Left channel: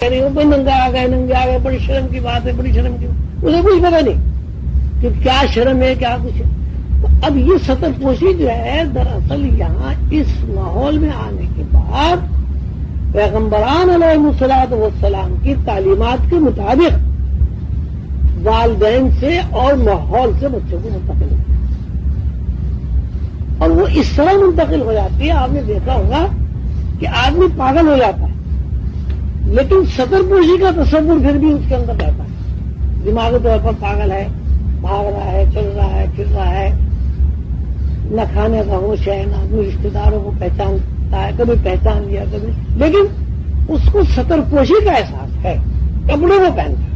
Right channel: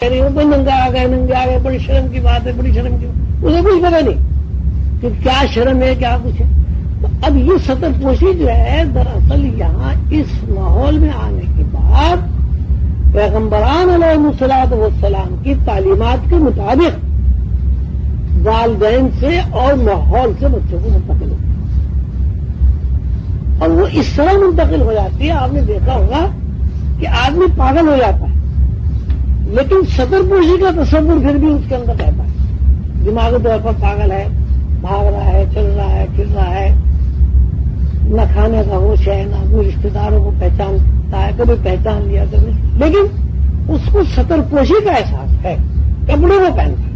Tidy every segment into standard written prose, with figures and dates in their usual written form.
رہی ہوں بھائی ننگا آ گئے بڑی شرم کی بات ہے، بڑی شرم کی بات، اسے کچھ پتا نہیں کہ کیا شرم ہے کیا کچھ ہے۔ تو اب یہ سطر پوشی جو ہے دراصل یہاں اس ماحول میں آنے کے بعد پیغمبران علیہ الصلوۃ والسلام کی تعلیمات کے مطابق والدین سے اور ماحول سے بچوں کو منتقل ہوتی ہے، اور وہ اس طرح منتقل ہو جاتی ہے۔ آپ نے دیکھا ہوگا کہ آدمی پاگل ہو جاتا ہے لیکن سطر پوشی کا تصور پھر بھی اس کے اندر رہتا ہے، دماغی طور پر پاگل ہے، بھاگ رہا ہے، چل رہا ہے، پھر رہا ہے، نہ کھانے کا ہوش ہے، نہ اپنے رشتے داروں کو پہچانتا ہے، کبھی پہچان لیا کبھی، لیکن اس کو سطر پوشی کا احساس ہے، کپڑے وہ پہنتا ہے۔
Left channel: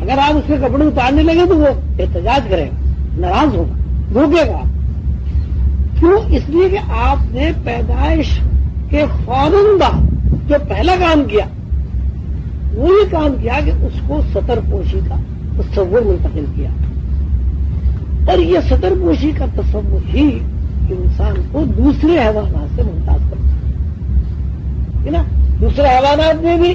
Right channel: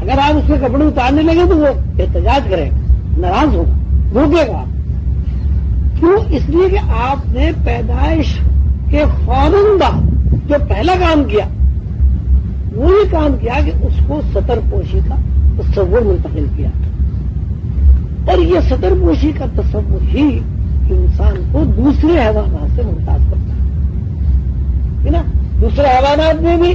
اگر آپ اس کے کپڑے اتارنے لگے تو وہ احتجاج کرے، ناراض ہوگا، روکے گا۔ کیوں؟ اس لیے کہ آپ نے پیدائش کے فوراً بعد جو پہلا کام کیا وہ یہ کام کیا کہ اس کو سطر پوشی کا تصور منتقل کیا، اور یہ سطر پوشی کا تصور ہی انسان کو دوسرے حیوانات سے ممتاز کرتا ہے نا۔ دوسرے حیوانات میں بھی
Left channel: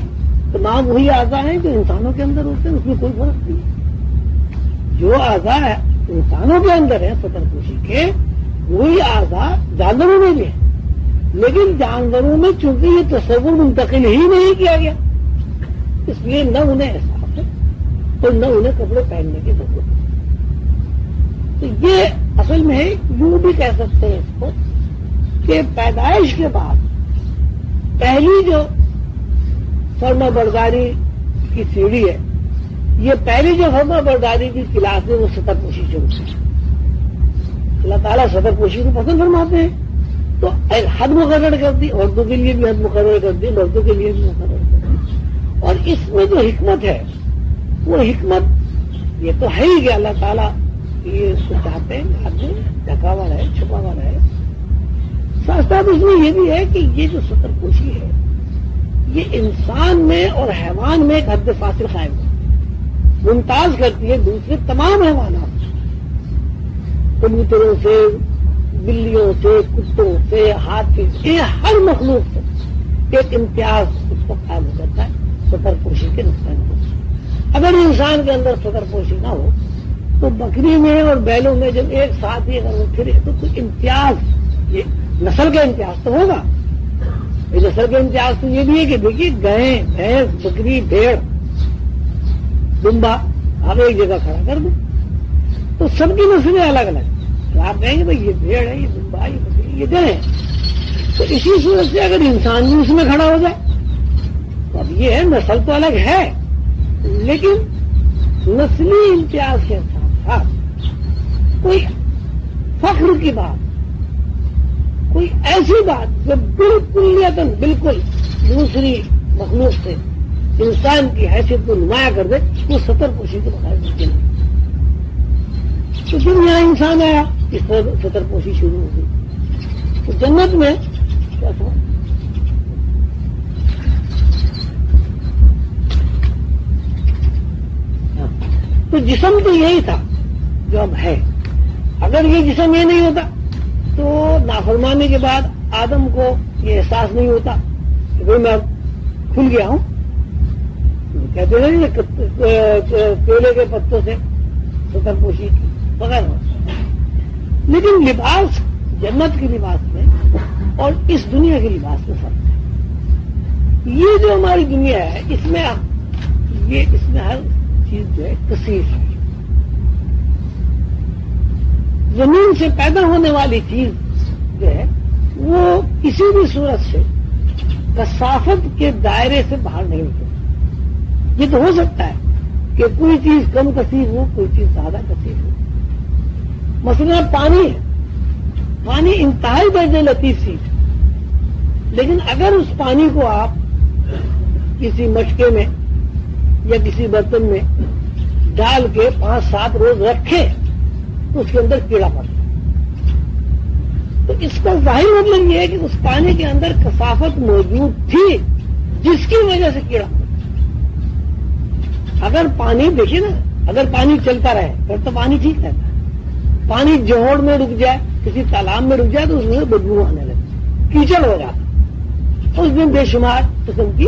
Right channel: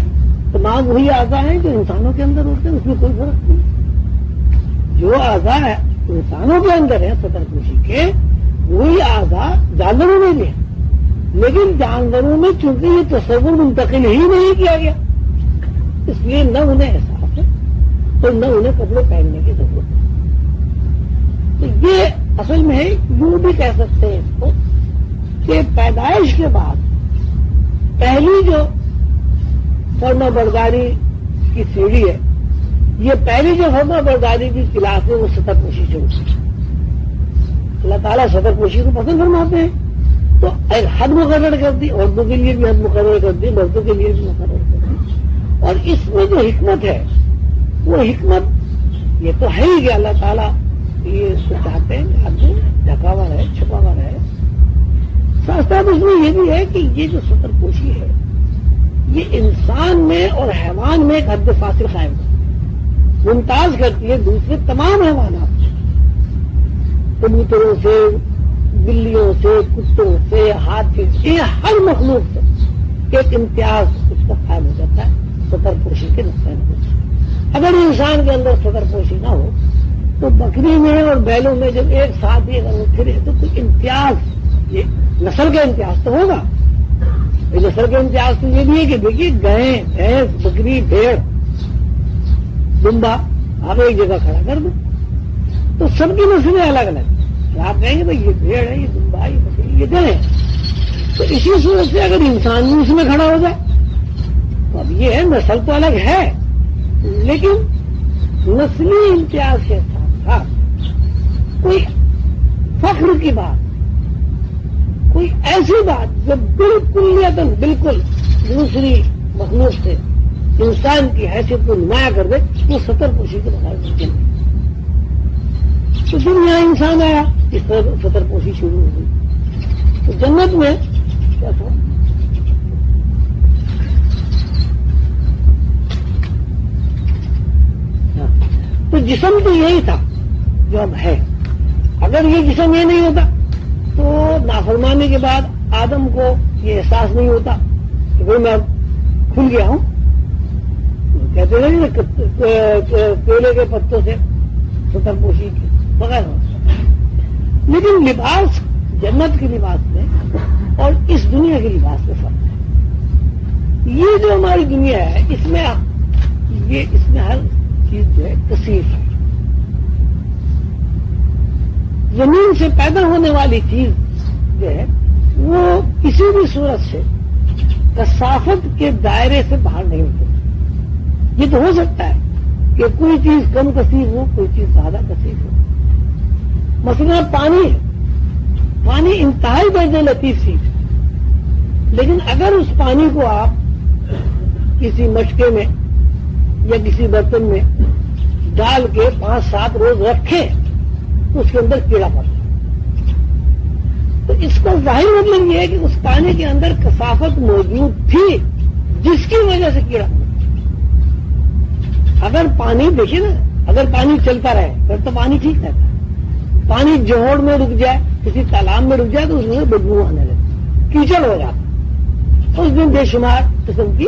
تمام وہی اعضاء ہیں جو انسانوں کے اندر ہوتے ہیں، اس میں کوئی فرق نہیں۔ جو اعضاء انسانوں کے اندر ہیں سطر پوشی کے، وہی اعضاء جانوروں میں بھی ہیں، لیکن جانوروں میں چونکہ یہ تصور منتقل ہی نہیں کیا گیا، اس لیے نہ انہیں احساس ہے اور نہ انہیں کپڑے پہننے کی ضرورت ہے۔ تو یہ اصل میں یوں بھی کہہ سکتے ہیں اس کو کہ پیدائش کے بعد پہلی جو فرما برداری کی سیڑھی ہے، یہ پہلی جو فرما برداری کی کلاس ہے وہ سطر پوشی سے ہوتی ہے۔ اللہ تعالیٰ سطر پوشی کو پسند فرماتے ہیں تو ایک حد مقرر کر دی، عورتوں کے لیے بھی حد مقرر کر دی، مردوں کے لیے بھی مقرر کر دی، اور اس میں جو حکمت ہے وہ حکمت یہ تو ہے ہی کہ اللہ تعالیٰ یہ اس کو چاہتے ہیں آدمی ڈھکا ہوا رہے، چھپا ہوا رہے۔ ساتھ ساتھ اس میں یہ بھی ہے کہ یہ جو سطر پوشی ہے یہ انسان میں اور حیوان میں ایک حد فاصل قائم ہے، ممتاز کرتی ہے دوسرے تمام حیوانات سے، کبوتروں سے، بلیوں سے، کتوں سے، ہاتھی سے، ہر مخلوق سے ایک امتیاز اس کو قائم ہو جاتا ہے سطر پوشی کے نقصان سے۔ اگر انسان کے اندر سطر پوشی نہ ہو تو بکری میں اور بیلوں میں جب ایک ساتھ ہی اگر وہ پھرے تو کچھ امتیاز، یہ نسل کا امتیاز تو ہوگا۔ نسل کا امتیاز تو یہ بھی ہے کہ دیکھیے گائے، بھینس، بکری، بھیڑ، دمبا آپ ایک جگہ کھڑا کر دیں تو سب کی نسلیں الگ الگ، آپ کہیں گے بھائی یہ بھیڑ ہے، یہ دمبا، یہ بکری، یہ گائے، تو اسی صورت سے اگر انسان بھی اس میں کھڑا ہو جائے تو اب یہ ہے نسل تو الگ ہے لیکن نسلی امتیاز کے ساتھ ساتھ کوئی فخر کی بات، کوئی ایسی بات جو بالکل دوسری مخلوق سے انسان کی حیثیت کو نمایاں کر دے، وہ سطر پوشی کے بغیر ممکن ہے۔ تو دنیا انسان آیا، اس پر سطر پوشی شروع ہو گئی۔ تو جنت میں کیا تھا؟ تو جسم تو یہی تھا جو اب ہے۔ اگر یہ جسم یہ نہیں ہوتا تو نافرمانی کے بعد آدم کو یہ احساس نہیں ہوتا وہ میں کھل گیا ہوں، کہتے ہیں کیلے کے پتوں سے سطر پوشی بغیر ہوتا، لیکن لباس جنت کے لباس میں اور اس دنیا کے لباس میں فرق۔ یہ جو ہماری دنیا ہے اس میں ہر چیز جو ہے کثیر ہے۔ زمین سے پیدا ہونے والی چیز جو ہے وہ کسی بھی صورت سے کثافت کے دائرے سے باہر نہیں ہوتے۔ یہ تو ہو سکتا ہے کہ کوئی چیز کم کثیر ہو، کوئی چیز زیادہ کثیر ہو۔ مثلا پانی انتہائی درجے لطیف چیز ہے، لیکن اگر اس پانی کو آپ کسی مٹکے میں یا کسی برتن میں ڈال کے 5-7 روز رکھیں تو اس کے اندر کیڑا پڑتا ہے۔ تو اس کا ظاہر مطلب یہ ہے کہ اس پانی کے اندر کثافت موجود تھی جس کی وجہ سے کیڑا پڑتا۔ اگر پانی دیکھیے نا، اگر پانی چلتا رہے پھر تو پانی ٹھیک رہتا ہے۔ پانی جوہڑ میں رک جائے، کسی تالاب میں رک جائے تو اس میں بدبو آنے لگے، کیچڑ ہوگا، اور اس میں بے شمار قسم کی